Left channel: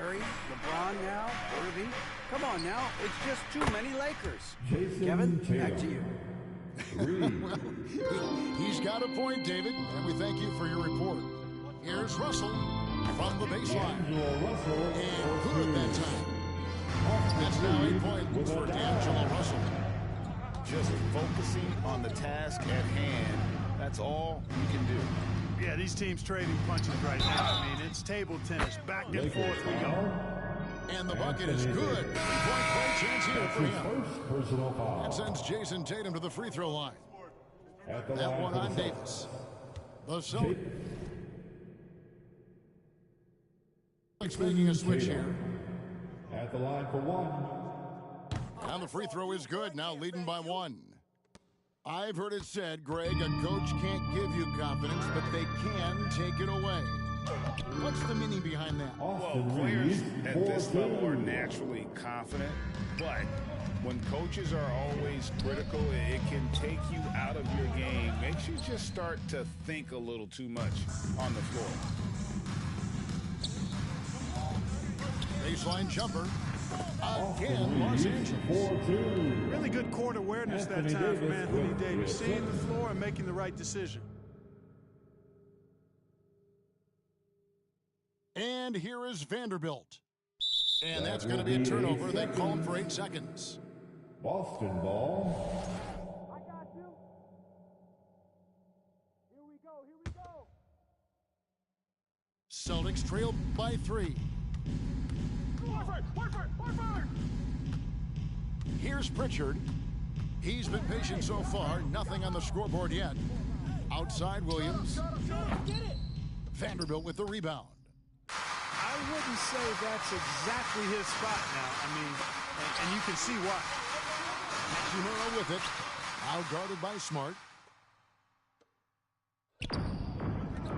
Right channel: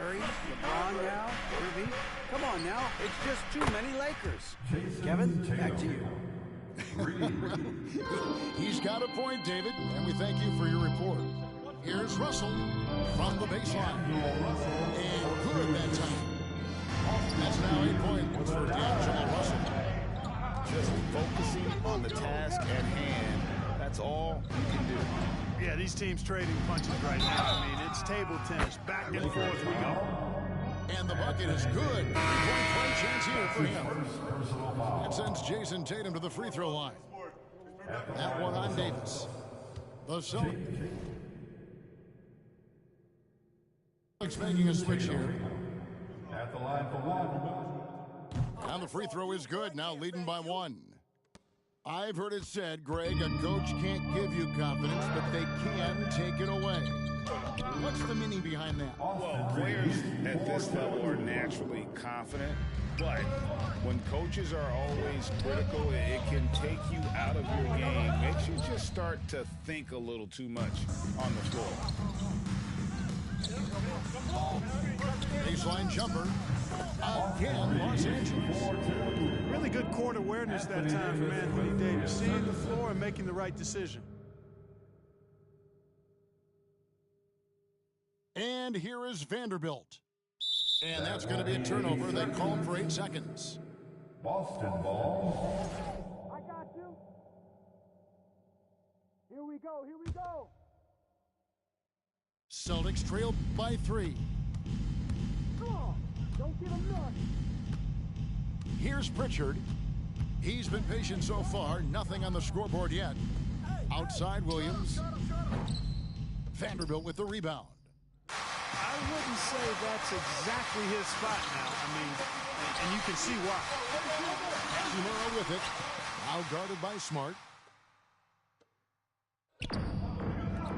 Curry, LeBron now, Irving. Come on now, it's just too many Lakers. Jason Kevin, Tatum. back to you. He's got a point, David, and we thank you for your report. Here's Russell from the baseline. And good that time. That's now 8 points for D'Angelo Russell. Just focusing on the task at hand. That's all you can do. Yeah, these teams trading punches right now. I mean, it's table tennis. Back and forth we go. And the bucket is good. Three-point play chance here for him. That sends Jason Tatum to the free throw line. That one on Davis. The Celtics making a switch here. At the line for one. And the free throw is good, now leading by one. I've heard it said, Greg, a coach can't give you confidence, but they can take it away. What's the meaning behind that? Well, players at this level are naturally confident, but when coaches are always critical, it can take you out of your game. Makes you just start to think a little too much on the floor. Baseline jumper. Again, Los Angeles. Really good court awareness that time from Anthony Davis. Seeing the floor and making the right decision. And here is Vanderbilt. And that's going to be a turnover. They call him for 8 seconds. Boston ball. I got you. Here we go, here we go. Celtics trail by 3. Here's Pritchard. He's been patient so far. Nothing on the scoreboard yet. Outside Williams. Vanderbilt with the rebound. I wouldn't say that's exactly his spot now. I mean, and you can see why. Hachimura with it. Now guarded by Smart.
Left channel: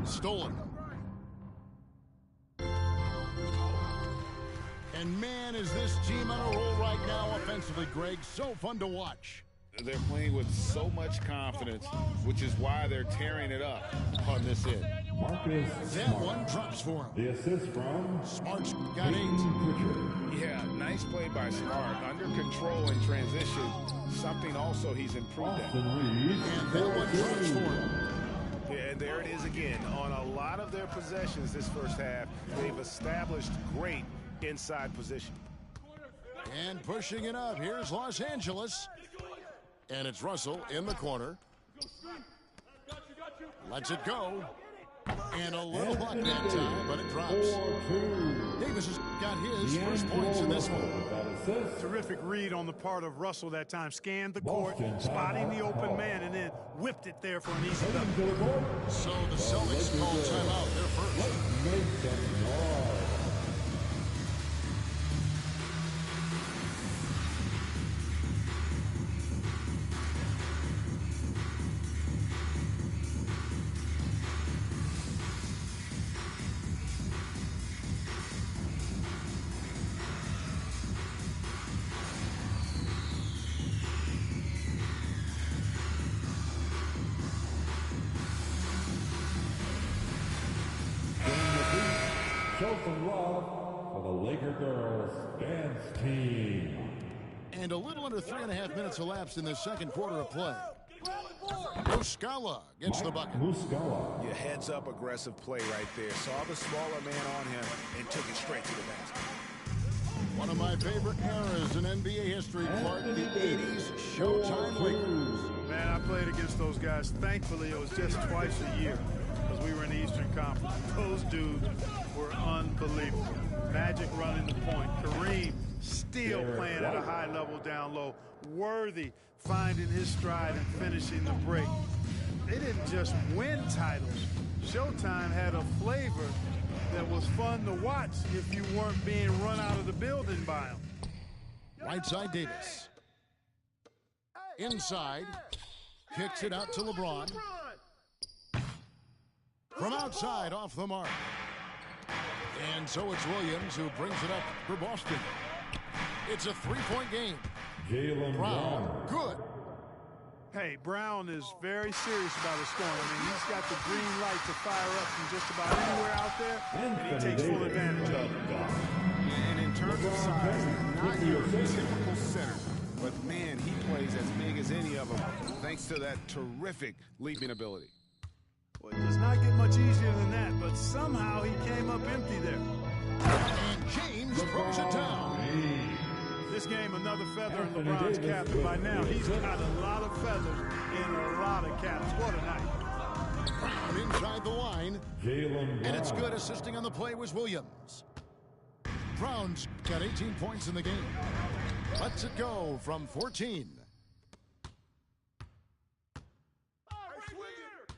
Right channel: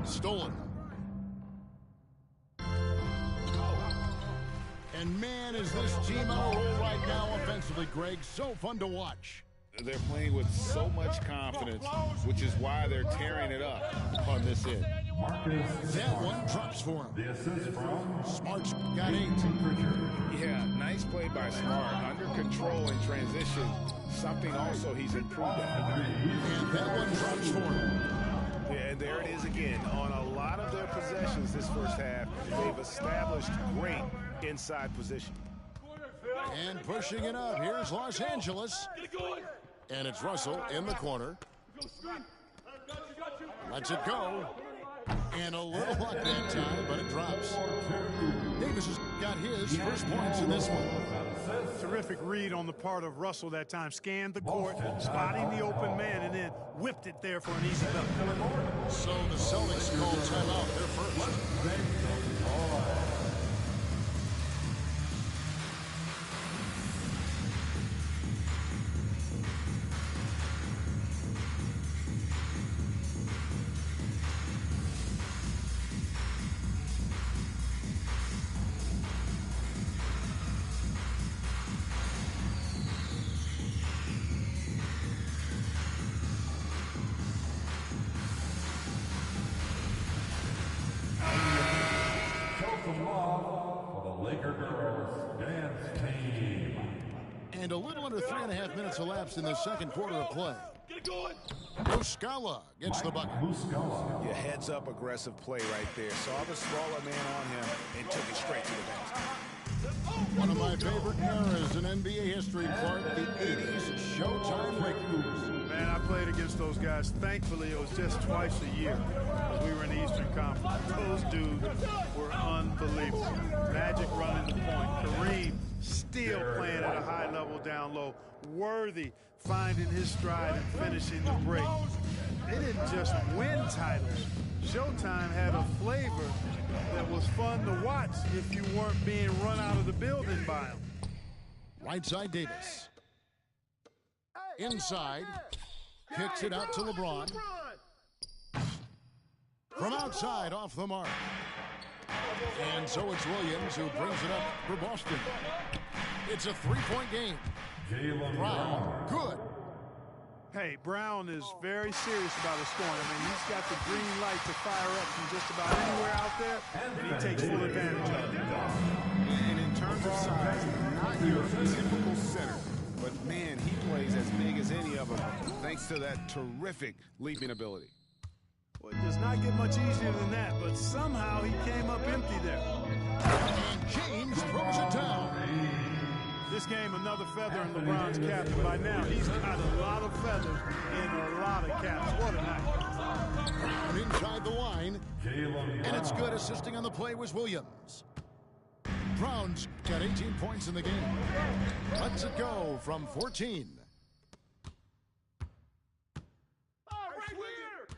Stolen. And man, is this team on a roll right now offensively, Greg. So fun to watch. They're playing with so much confidence, which is why they're tearing it up on this end. Marcus That Smart. one drops for him. The assist from Smart's got 8. Pritchard. Yeah, nice play by Smart. Under control in transition, something also he's improved at. And that one drops for him. Yeah, and there it is again. On a lot of their possessions this first half, they've established great inside position. And pushing it up. Here's Los Angeles. And it's Russell in the corner. Lets it go. And a little luck that time, but it drops. Davis has got his first points in this one. Terrific read on the part of Russell that time. Scanned the court, spotting the open man, and then whipped it there for an easy bucket. So the Celtics call timeout. They're first. Show some love for the Laker girls dance team. And a little under 3.5 minutes elapsed in the second quarter of play. Muscala gets the bucket. Muscala. Yeah, heads up aggressive play right there. Saw the smaller man on him and took it straight to the basket. One of my favorite eras in NBA history, Clark, the 80s Showtime Lakers. Man, I played against those guys. Thankfully, it was just twice a year because we were in the Eastern Conference. Those dudes were unbelievable. Magic running the point. Kareem still playing at a high level down low. Worthy finding his stride and finishing the break. They didn't just win titles. Showtime had a flavor that was fun to watch if you weren't being run out of the building by them. Right side Davis. Inside. Kicks it out to LeBron. From outside, off the mark. And so it's Williams who brings it up for Boston. It's a 3-point game. Jaylen Brown, good. Hey, Brown is very serious about his scoring. I mean, he's got the green light to fire up from just about anywhere out there, and he takes full advantage of it. And in terms of size, not your typical center. But, man, he plays as big as any of them thanks to that terrific leaping ability. Well, it does not get much easier than that, but somehow he came up empty there. And James throws it down. This game, another feather in LeBron's cap, and by now he's got a lot of feathers in a lot of caps. What a night. Brown inside the line. Jaylen And it's Brown. good. Assisting on the play was Williams. Brown's got 18 points in the game. Lets it go from 14.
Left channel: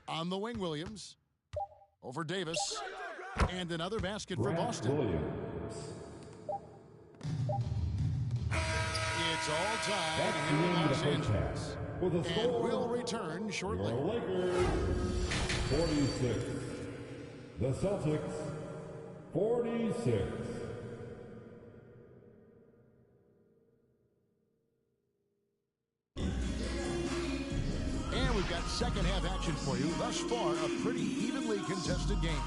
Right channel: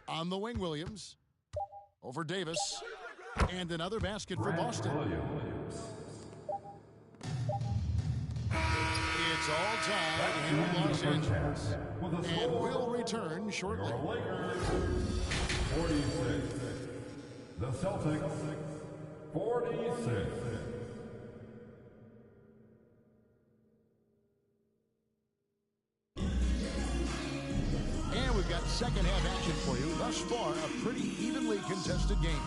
On the wing, Williams. Over Davis. And another basket for Grant Boston. Williams. It's all tied Back here to in the Los first Angeles. half with a And score. we'll return shortly. Your Lakers 46. The Celtics 46. And we've got second half action for you. Thus far, a pretty evenly contested game.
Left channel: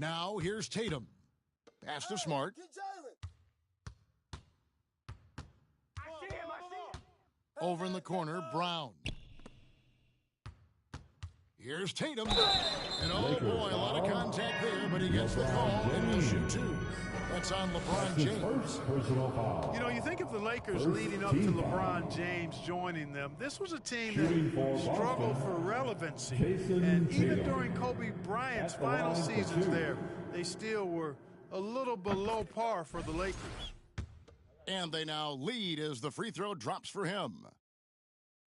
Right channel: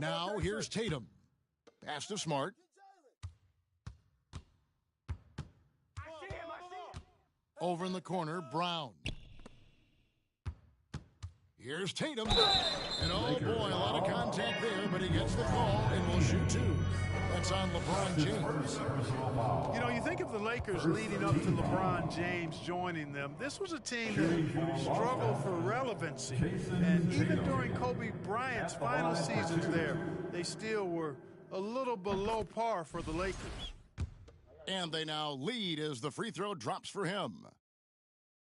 Now here's Tatum. Pass to Smart. Over in the corner, Brown. Here's Tatum. And oh boy, a lot of contact there, but he gets the call and will shoot two. That's on LeBron James. You know, you think of the Lakers leading up to LeBron James joining them. This was a team that struggled for relevancy. And even during Kobe Bryant's final seasons there, they still were a little below par for the Lakers. And they now lead as the free throw drops for him.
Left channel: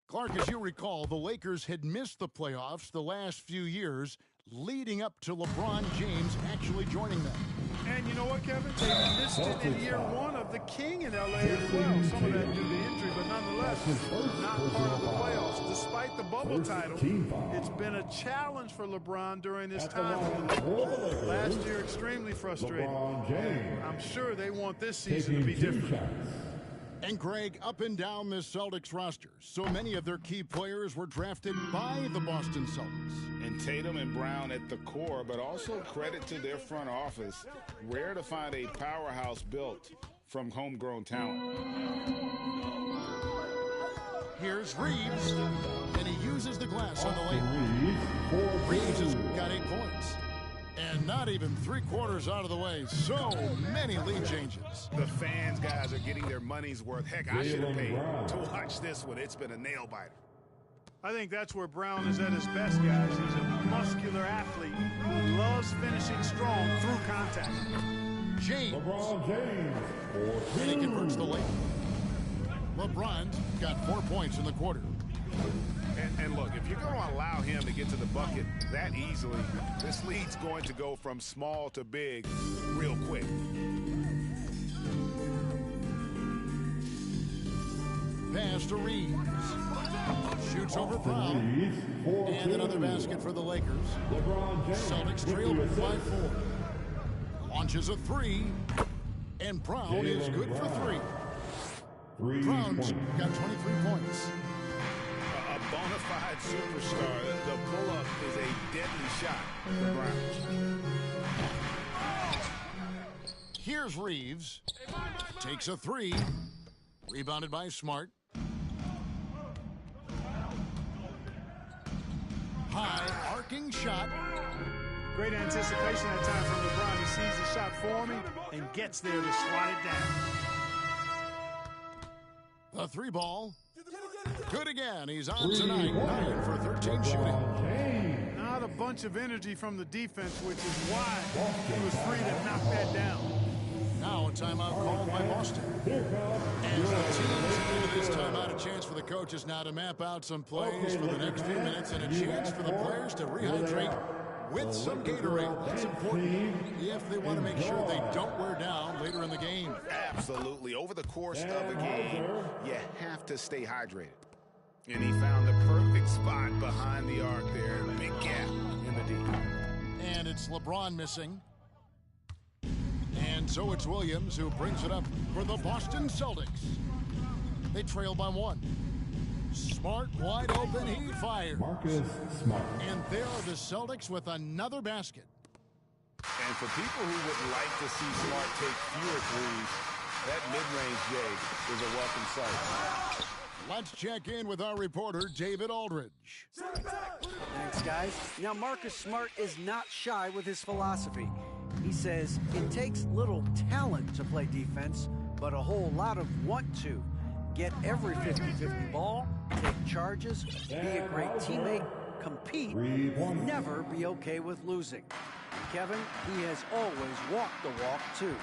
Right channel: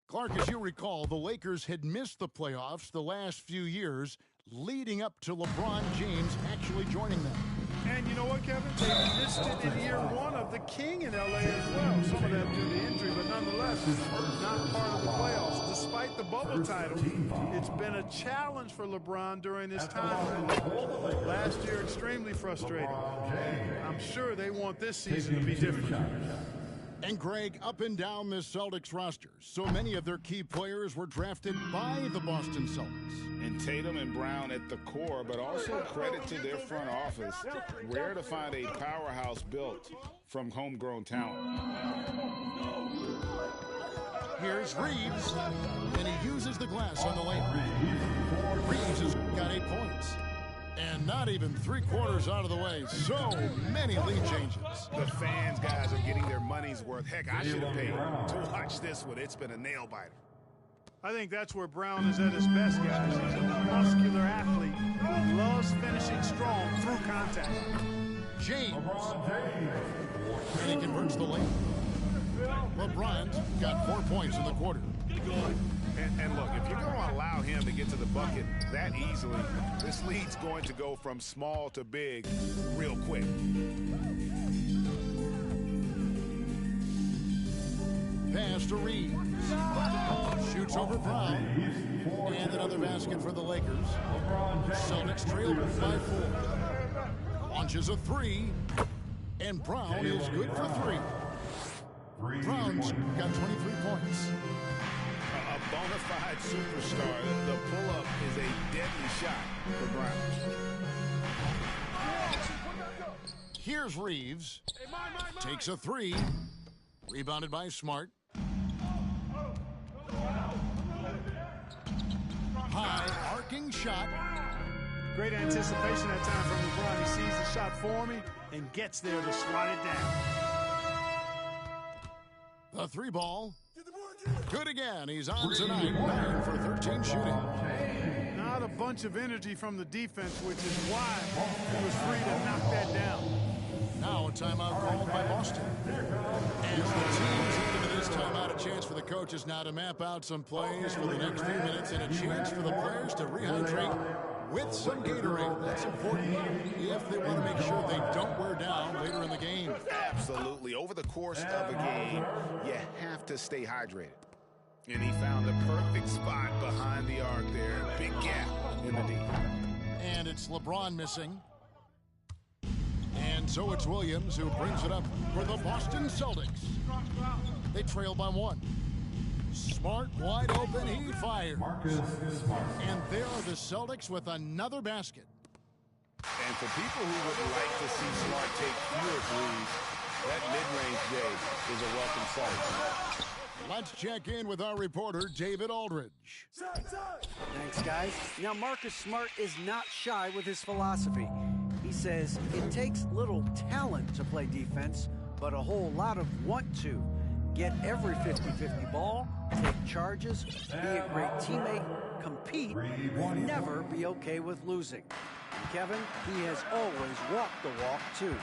Clark, as you recall, the Lakers had missed the playoffs the last few years leading up to LeBron James actually joining them. And you know what, Kevin? They missed it in year one of the King in L.A. as well. Some of that due to injury, but nonetheless, not part of the playoffs. Despite the bubble title, it's been a challenge for LeBron during his time with the Lakers. Last year, extremely frustrating. I'm sure they want this season to be different. And Greg, up and down this Celtics roster, so many of their key players were drafted by the Boston Celtics. And Tatum and Brown at the core, but also credit to their front office. Rare to find a powerhouse built from homegrown talent. Here's Reeves, and he uses the glass on the layup. Reeves has got 8 points. And not even 3/4 out of the way. So many lead changes. The fans, guys, are getting their money's worth. Heck, I should have paid to watch this one. It's been a nail-biter. I think that's where Brown is at his best, guys. He's a muscular athlete who loves finishing strong through contact. James. And he converts the layup. LeBron's got 4 points in the quarter. And look, if you're going to allow him to get to the bucket that easily, this lead's going to go from small to big real quick. Pass to Reeves. Shoots over Brown. And another basket for the Lakers. Celtics trail by 4. Launches a 3. And Brown is good for 3. Brown's got 23 points. A bona fide superstar. The pull-up is a deadly shot for Brown. Here's Reeves. Takes a 3. Rebounded by Smart. High arcing shot. Great anticipation that time from LeBron. He sees the shot forming and gets there to swat it down. The 3 ball. Good again. He's on tonight. 9 for 13 shooting. Not a bunch of energy from the defense, which is why he was free to knock that down. Now a timeout called by Boston. As the teams into this timeout, a chance for the coaches now to map out some plays for the next few minutes and a chance for the players to rehydrate with some Gatorade. That's important if they want to make sure they don't wear down later in the game. Absolutely. Over the course of a game, you have to stay hydrated. And he found the perfect spot behind the arc there. Big gap in the deep. And it's LeBron missing. And so it's Williams who brings it up for the Boston Celtics. They trail by 1. Smart wide open, he fires. Marcus Smart. And there are the Celtics with another basket. And for people who would like to see Smart take fewer threes, that mid-range J is a welcome sight. Let's check in with our reporter, David Aldridge. Thanks, guys. Now, Marcus Smart is not shy with his philosophy. He says it takes little talent to play defense, but a whole lot of want to. Get every 50-50 ball, take charges, be a great teammate, compete, never be okay with losing. And Kevin, he has always walked the walk, too.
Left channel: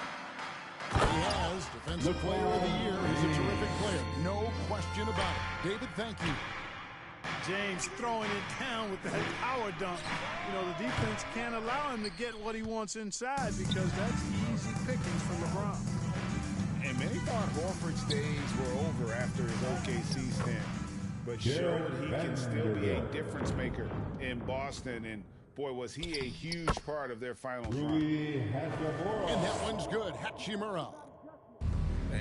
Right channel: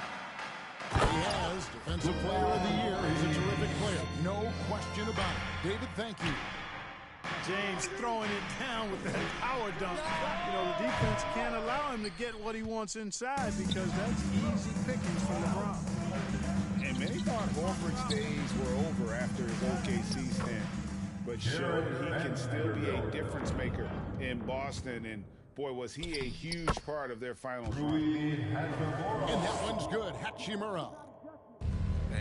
He has Defensive Player of the Year. He's a terrific player. No question about it. David, thank you. James throwing it down with that power dunk. You know, the defense can't allow him to get what he wants inside because that's easy pickings for LeBron. And many thought Horford's days were over after his OKC stint, but showed he can still be a difference maker in Boston. And boy, was he a huge part of their final run. And that one's good. Hachimura.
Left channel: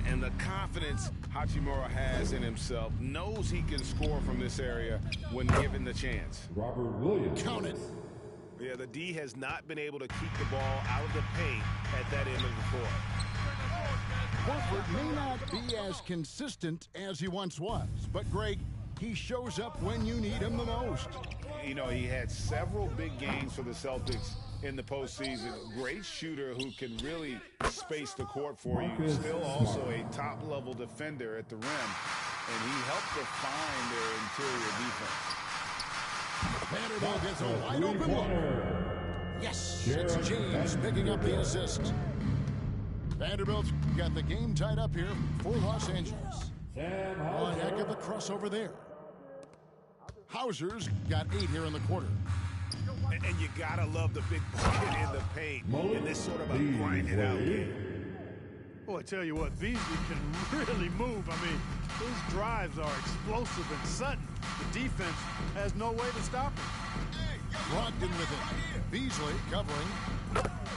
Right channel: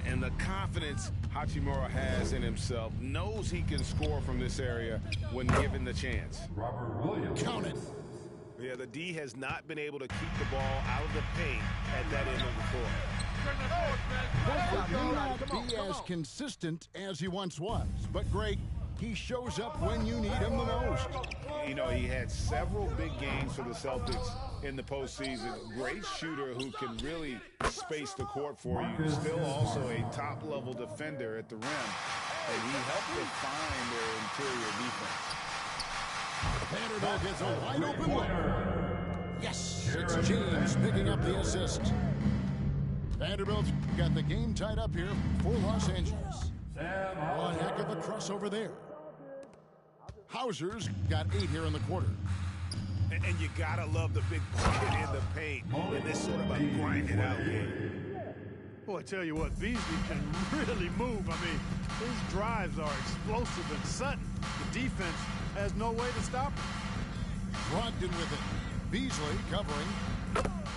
And the confidence Hachimura has in himself, knows he can score from this area when given the chance. Robert Williams. Count it. Yeah, the D has not been able to keep the ball out of the paint at that end of the court. Horford may not be as consistent as he once was, but Greg, he shows up when you need him the most. You know, he had several big games for the Celtics in the postseason. Great shooter who can really space the court for you. Still also a top-level defender at the rim, and he helped define their interior defense. Vanderbilt gets a wide-open look. Yes, it's James picking up the assist. Vanderbilt's got the game tied up here for Los Angeles. One heck of a crossover there. Hauser's got 8 here in the quarter. And you gotta love the big bucket in the paint in this sort of a grind-it-out game. Boy, I tell you what, Beasley can really move. I mean, his drives are explosive and sudden. The defense has no way to stop him. Brogdon with it. Beasley covering.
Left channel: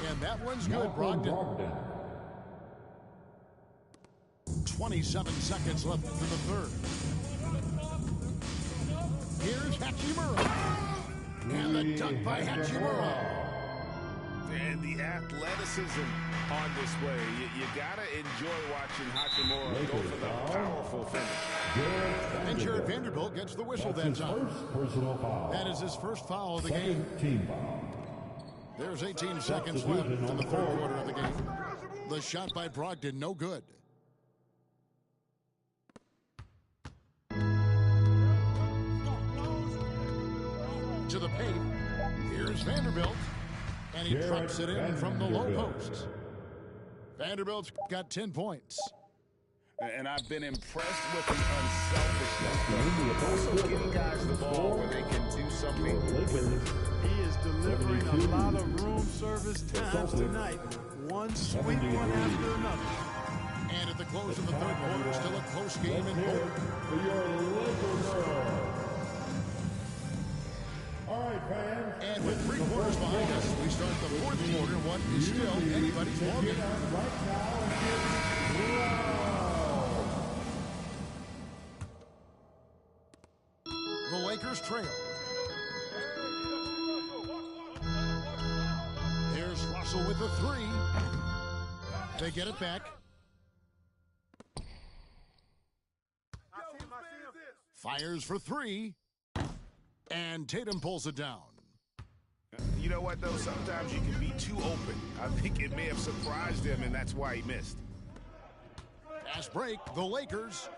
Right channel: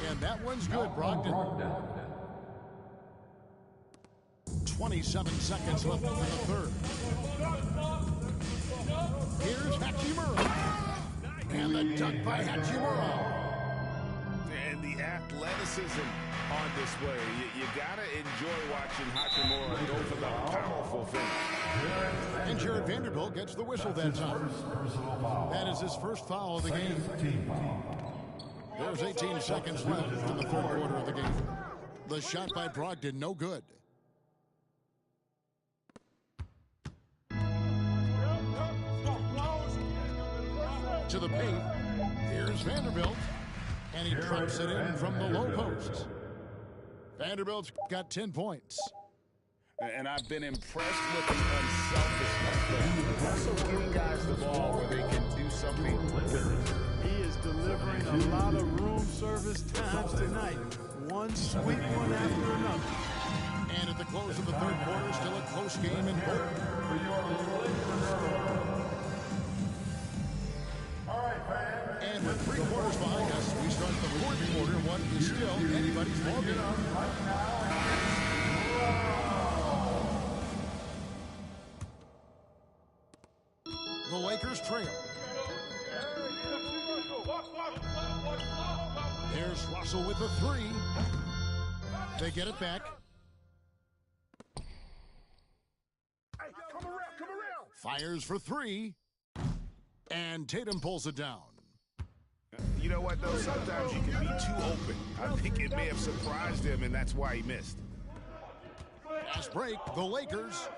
And that one's good, Brogdon. 27 seconds left in the third. Here's Hachimura. And the dunk by Hachimura. And the athleticism on display. You got to enjoy watching Hachimura go for the powerful finish. And Jared Vanderbilt gets the whistle that time. That is his first foul of the game. There's 18 seconds left in the third quarter of the game. The shot by Brogdon, no good. To the paint. Here's Vanderbilt. And he drops it in from the low post. Vanderbilt's got 10 points. And I've been impressed with the unselfishness, but also getting guys the ball where they can do something with it. He is delivering a lot of room service times tonight. One sweet one after another. And at the close of the third quarter, still a close game in both. And with 3 quarters behind us, we start the fourth quarter, what is still anybody's ballgame. The Lakers trail. There's Russell with the 3. They get it back. Fires for 3. And Tatum pulls it down. You know what, though? Sometimes you can be too open. I think it may have surprised him, and that's why he missed. Fast break, the Lakers.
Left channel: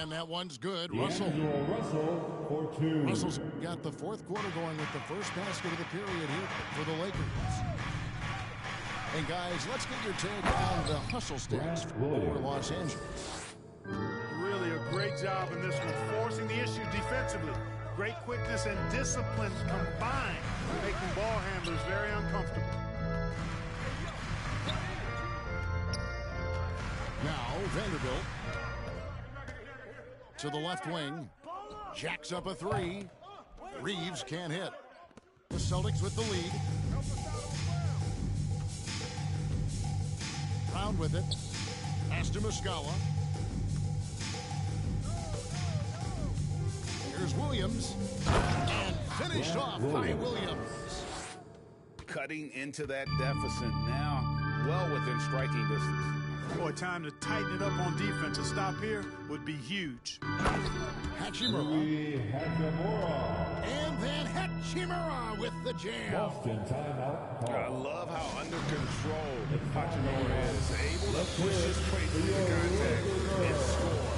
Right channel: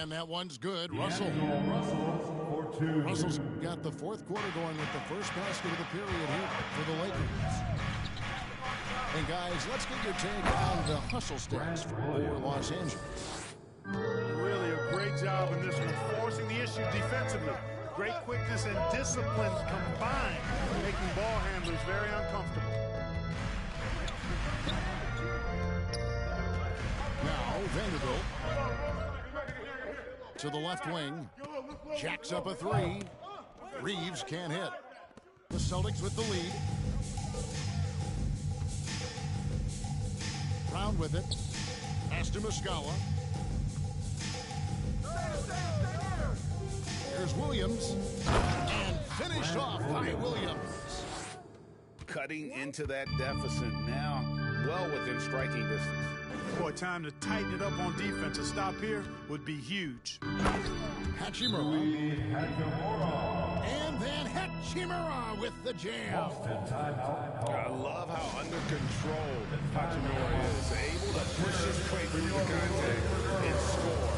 And that one's good. Russell. Russell's got the fourth quarter going with the first basket of the period here for the Lakers. And guys, let's get your take on the hustle stats for Los Angeles. Really a great job in this one, forcing the issue defensively. Great quickness and discipline combined, making ball handlers very uncomfortable. Now Vanderbilt to the left wing, jacks up a 3. Reeves can't hit. The Celtics with the lead. Brown with it. Pass to Muscala. Here's Williams. And finished off by Williams. Cutting into that deficit now, well within striking distance. Boy, time to tighten it up on defense. A stop here would be huge. Hachimura. And then Hachimura with the jam. I love how under control Hachimura is. Able to push his way through the contact and score.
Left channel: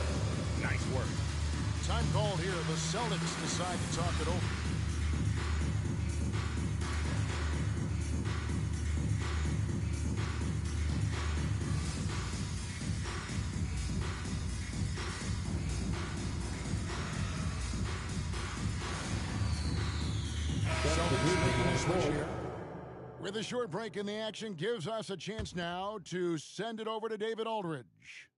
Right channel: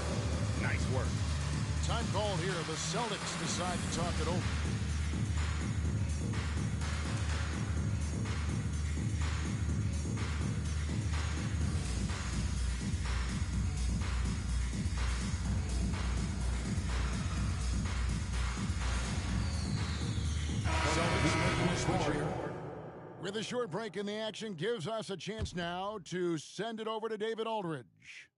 Nice work. Time called here. The Celtics decide to talk it over. Celtics making a switch here. With a short break in the action, gives us a chance now to send it over to David Aldridge.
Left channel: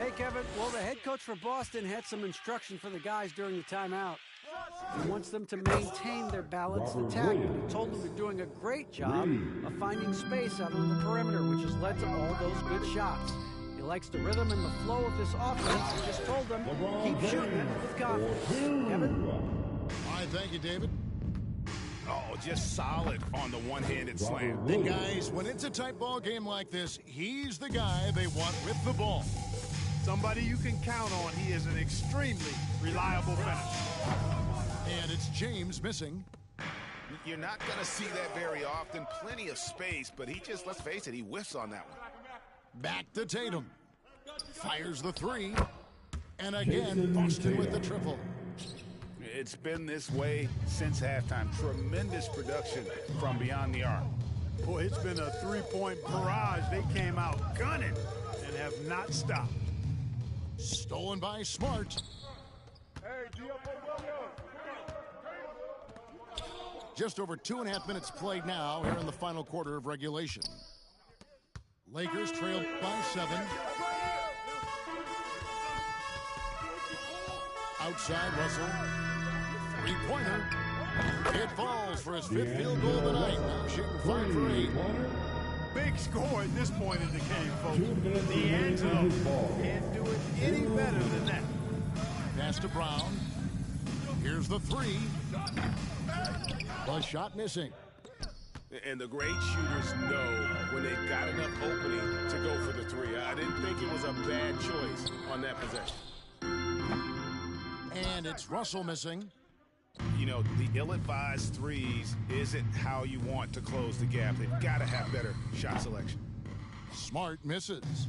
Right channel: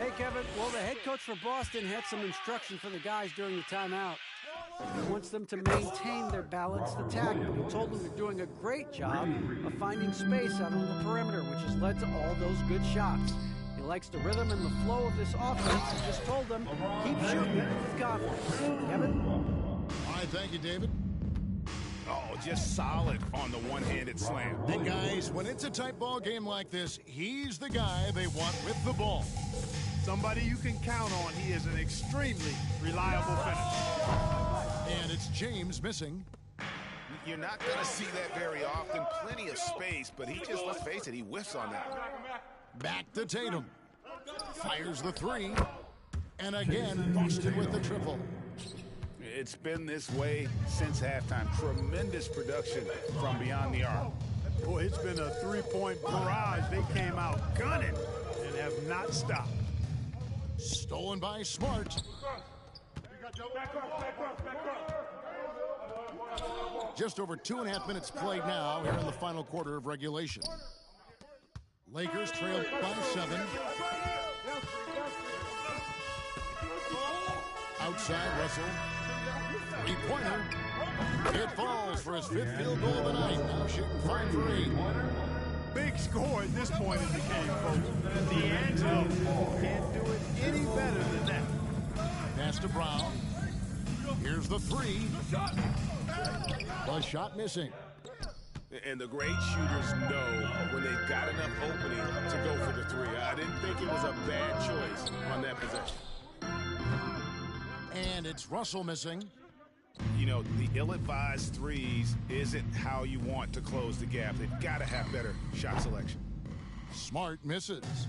Hey, Kevin. Well, the head coach for Boston had some instruction for the guys during the timeout. He wants them to maintain their balanced attack, but he told them they're doing a great job of finding space out on the perimeter, which has led to all those good shots. He likes the rhythm and the flow of this offense. He just told them, keep shooting it with confidence. Kevin? All right, thank you, David. Oh, just solid on the one-handed slam. And guys, when it's a tight ball game like this, he's the guy they want with the ball. Somebody you can count on. He is an extremely reliable finisher. And it's James missing. You're not going to see that very often. Plenty of space, but he just, let's face it, he whiffs on that one. Back to Tatum. Fires the three. And again, Boston with the triple. It's been this way since halftime. Tremendous production from beyond the arc. Boy, it's been a three-point barrage. They came out gunning and have not stopped. Stolen by Smart. Just over 2.5 minutes played now here in the final quarter of regulation. Lakers trail by 7. Outside Russell. Three-pointer. It falls for his 5th field goal of the night. Now shooting 5 for 8. Big score at this point in the game, folks. D'Angelo can't do it any better than that. Pass to Brown. Here's the three. The shot missing. And the great shooters know when they've got enough opening to go for the three. I didn't think it was a bad choice on that possession. And it's Russell missing. You know, the ill-advised threes isn't how you want to close the gap. They've got to have better shot selection. Smart misses.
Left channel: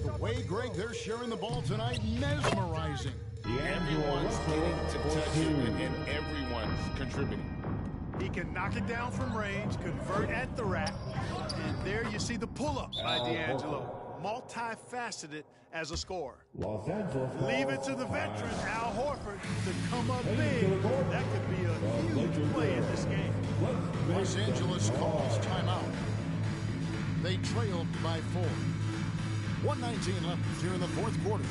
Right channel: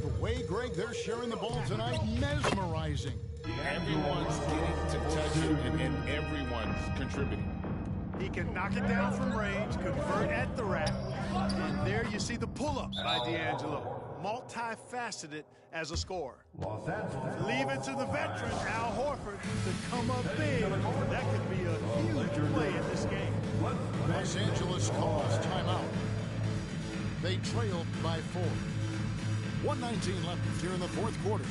The way, Greg, they're sharing the ball tonight, mesmerizing. Everyone's getting to touch it, and everyone's contributing. He can knock it down from range, convert at the rack, and there you see the pull-up by D'Angelo. Multifaceted as a scorer. Los Angeles. Leave it to the veteran, Al Horford, to come up big. That could be a huge play in this game. Los Angeles calls timeout. They trail by 4. 1:19 left here in the fourth quarter.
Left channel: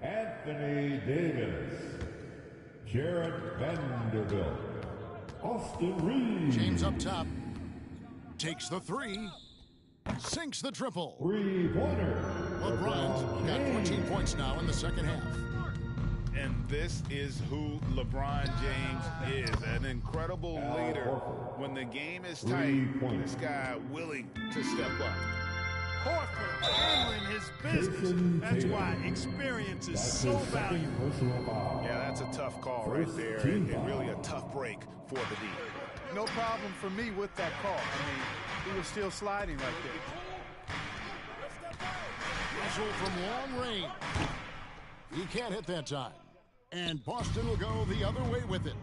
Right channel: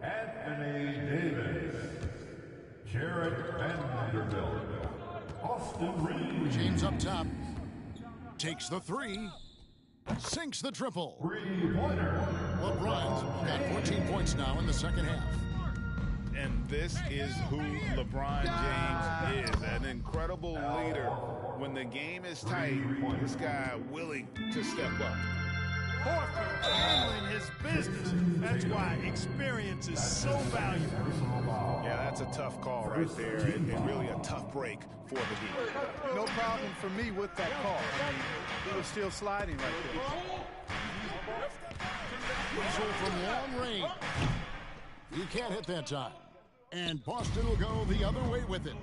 Anthony Davis, Jarrett Vanderbilt, Austin Reeves. James up top. Takes the three. Sinks the triple. Three-pointer. LeBron's got 14 points now in the second half. And this is who LeBron James is, an incredible leader. When the game is tight, this guy willing to step up. Horford handling his business. That's why experience is so valuable. Yeah, that's a tough call right there, and really a tough break for the D. No problem for me with that call. I mean, he was still sliding right there. Russell from long range. He can't hit that time. And Boston will go the other way with it.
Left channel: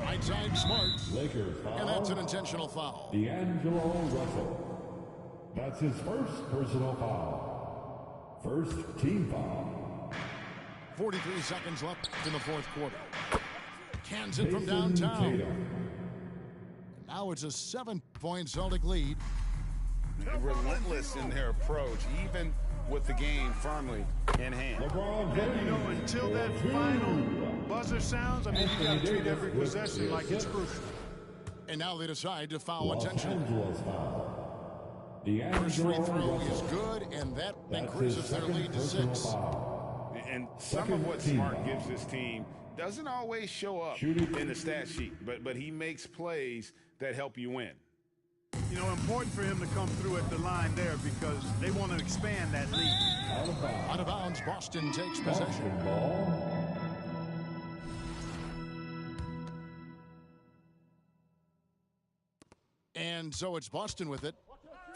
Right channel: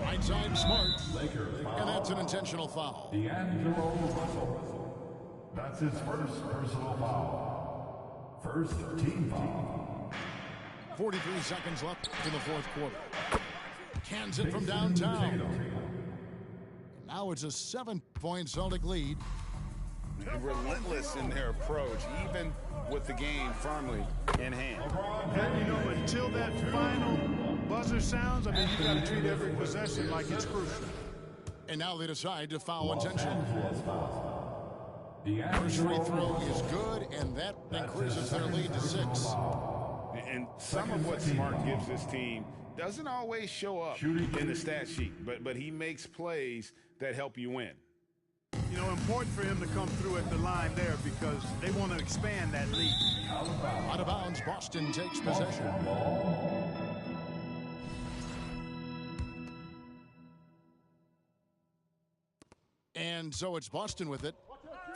Right side Smart. Lakers foul. And that's an intentional foul. D'Angelo Russell. That's his first personal foul. First team foul. 43 seconds left in the fourth quarter. Cans it from downtown. And now it's a 7-point Celtic lead. Relentless in their approach, even with the game firmly in hand. And, you know, until that final buzzer sounds, I mean, you got to treat every possession like it's crucial. And now they decide to foul intentionally. D'Angelo First free throw Russell. is good, and that increases their lead to 6. And some of what Smart gives this team doesn't always show up in the stat sheet, but he makes plays that help you win. You know, important for him to come through at the line there because they want to expand that lead. Out of bounds, Boston takes possession. And so it's Boston with it.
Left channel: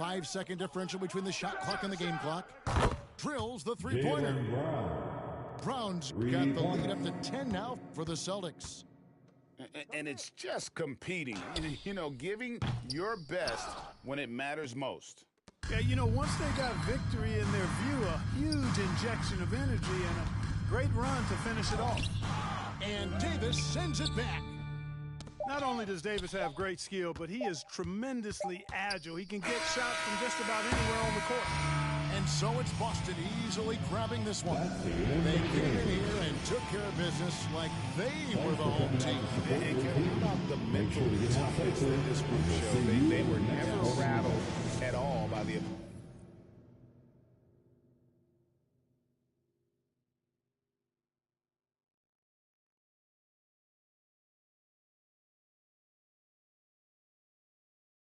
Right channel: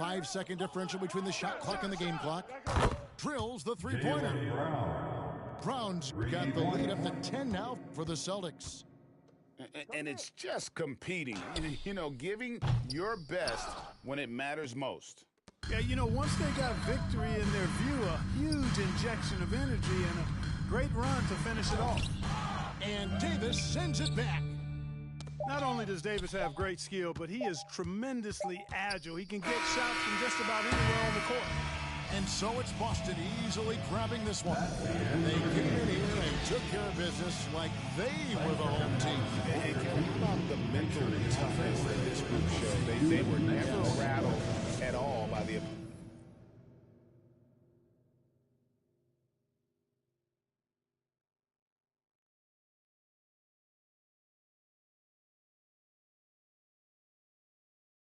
5-second differential between the shot clock and the game clock. Drills the three-pointer. Brown's got the lead up to 10 now for the Celtics. And it's just competing, you know, giving your best when it matters most. Yeah, you know, once they got victory in their view, a huge injection of energy and a great run to finish it off. And Davis sends it back. Not only does Davis have great skill, but he is tremendously agile. He can get shots from just about anywhere on the court. And so it's Boston easily grabbing this one. They came in here and took care of business like they were the home team. And Kevin, how about the mental toughness that this group showed? They were never rattled at all by the opponent.